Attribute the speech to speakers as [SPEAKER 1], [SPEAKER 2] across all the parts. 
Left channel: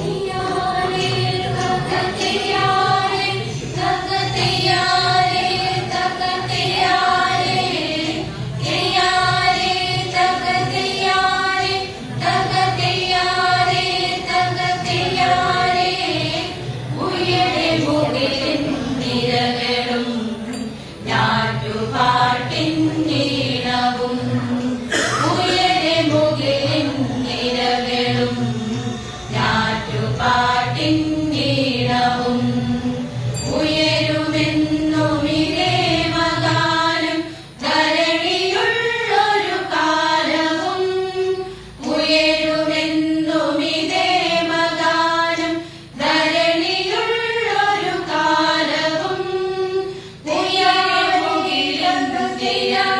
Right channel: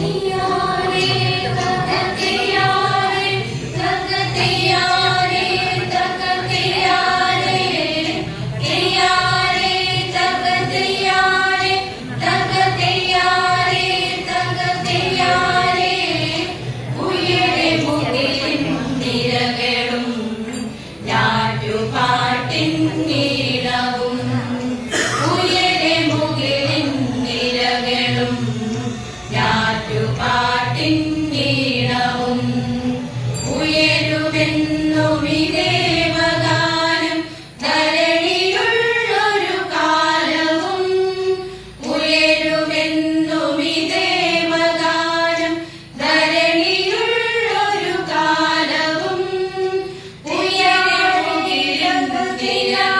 [SPEAKER 1] see you. Yeah.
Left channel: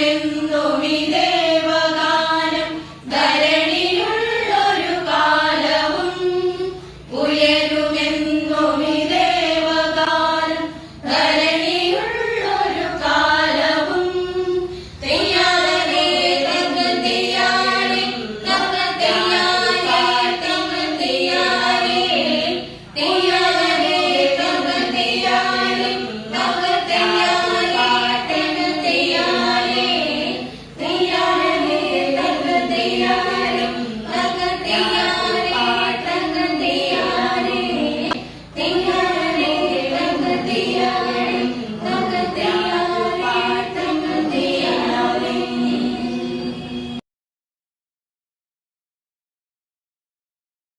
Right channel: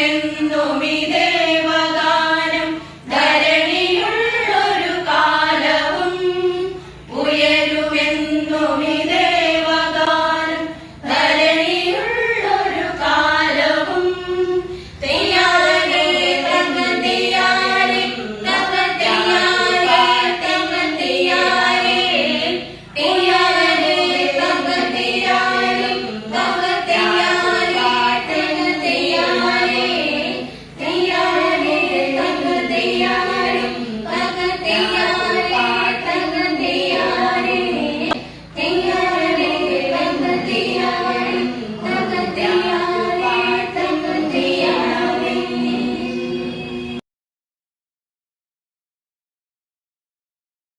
[SPEAKER 1] 天の峰